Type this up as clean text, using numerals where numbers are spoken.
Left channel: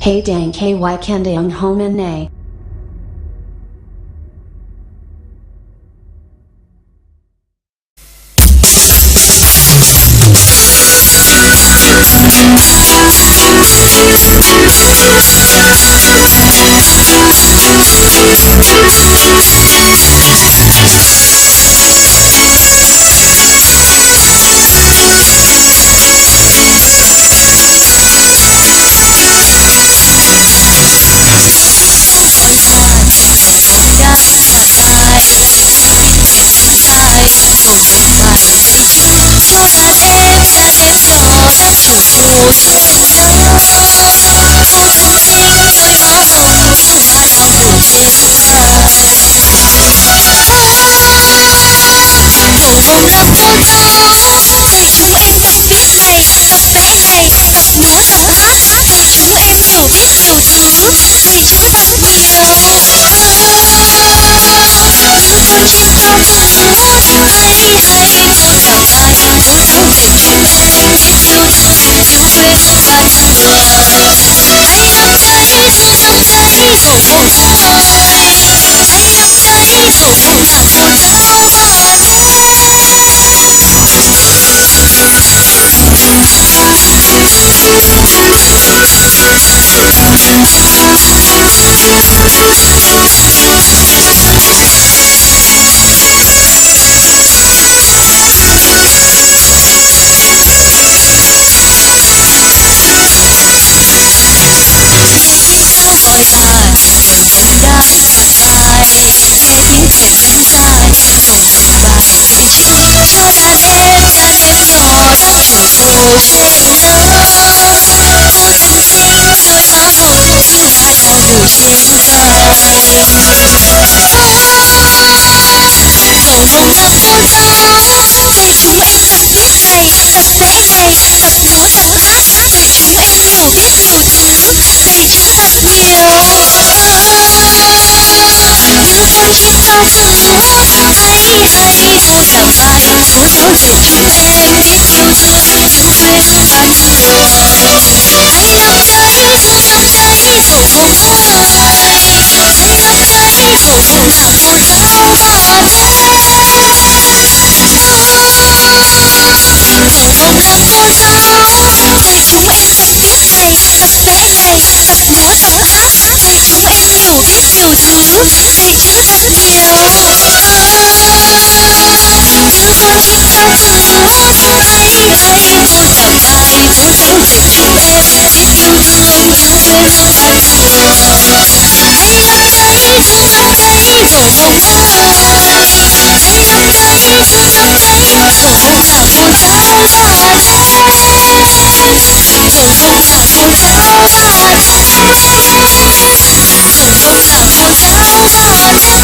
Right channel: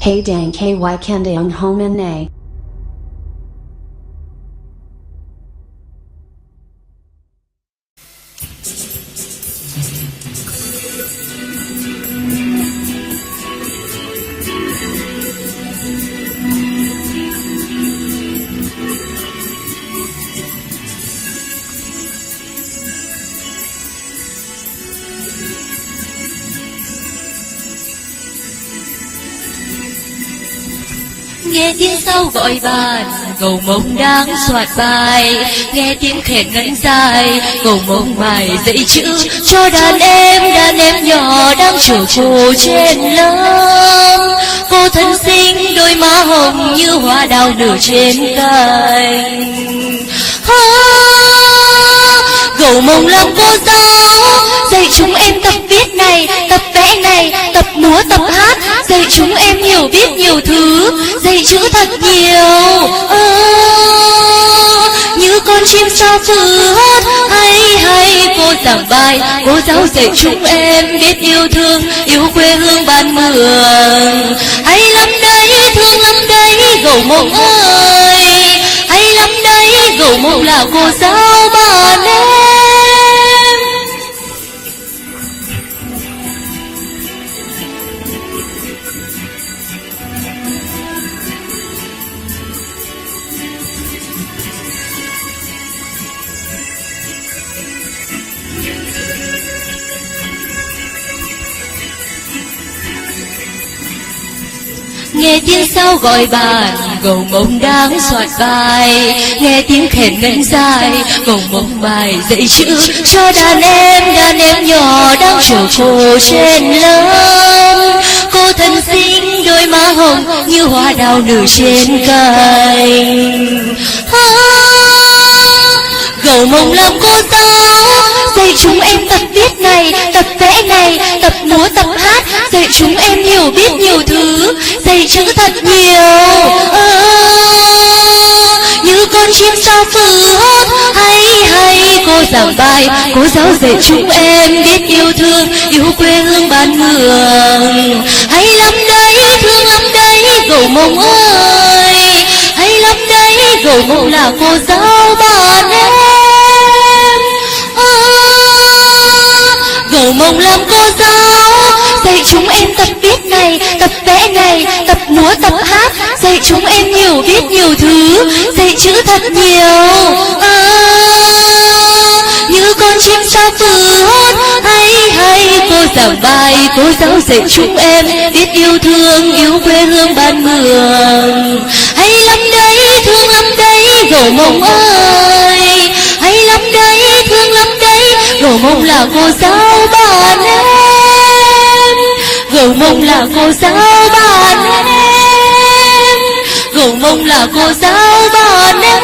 Hey dang KY Kandaung Homan Nay. Nghe tiếng sâu gọi bạn, cầu mong đang soạt bài. Nghe tiếng thèn nắng dài, cầu mong bài dạy chữ cho đàn em nhỏ đang chờ cô trên lớp. Cô thân xinh đôi má hồng như hoa đào nở trên vai. Cầu mong làm cô giáo dạy chúng em tập viết này, tập vẽ này, tập múa tập hát, dạy chúng em hiểu biết nhiều thứ, dạy chữ thật nhiều. Như con chim cho vừa hót, hay cô giảng bài, cô giáo dạy chúng em biết yêu thương, yêu quê hương bạn mường. Hay lắm đấy, thương lắm đấy, cầu mong ơi. Hay lắm đấy, cầu mong là cô giáo bạn em. Nghe tiếng sáo gọi bạn, cầu mong đang soạt bài. Nghe tiếng thèn ngân dài, cầu mong bài dạy chữ cho đàn em nhỏ đang chờ cô trên lớp. Cô thân xinh đôi má hồng như hoa đào nở trên cành. Cầu mong làm cô giáo dạy chúng em tập viết này, tập vẽ này, tập múa tập hát, dạy chúng em hiểu biết nhiều thứ, dạy chữ thật nhiều. Như con chim cao vừa hót, hay cô giảng bài, cô giáo dạy chúng em biết yêu thương, yêu quê hương bạn mường. Hay lắm đấy, thương lắm đấy, cầu mong ơi. Hay lắm đấy, cầu mong là cô giáo bạn em. Cầu mong làm cô giáo dạy chúng em tập viết này, tập vẽ này, tập múa tập hát, dạy chúng em hiểu biết nhiều thứ, dạy chữ thật nhiều. Như con chim cao vừa hót, hay cô giảng bài, cô giáo dạy chúng em biết yêu thương, yêu quê hương bạn mường. Hay lắm đấy, thương lắm đấy, cầu mong ơi. Hay lắm đấy, thương lắm đấy, cầu mong là cô giáo bạn em. Cầu mong là cô giáo bạn em. Cầu mong là cô giáo bạn em.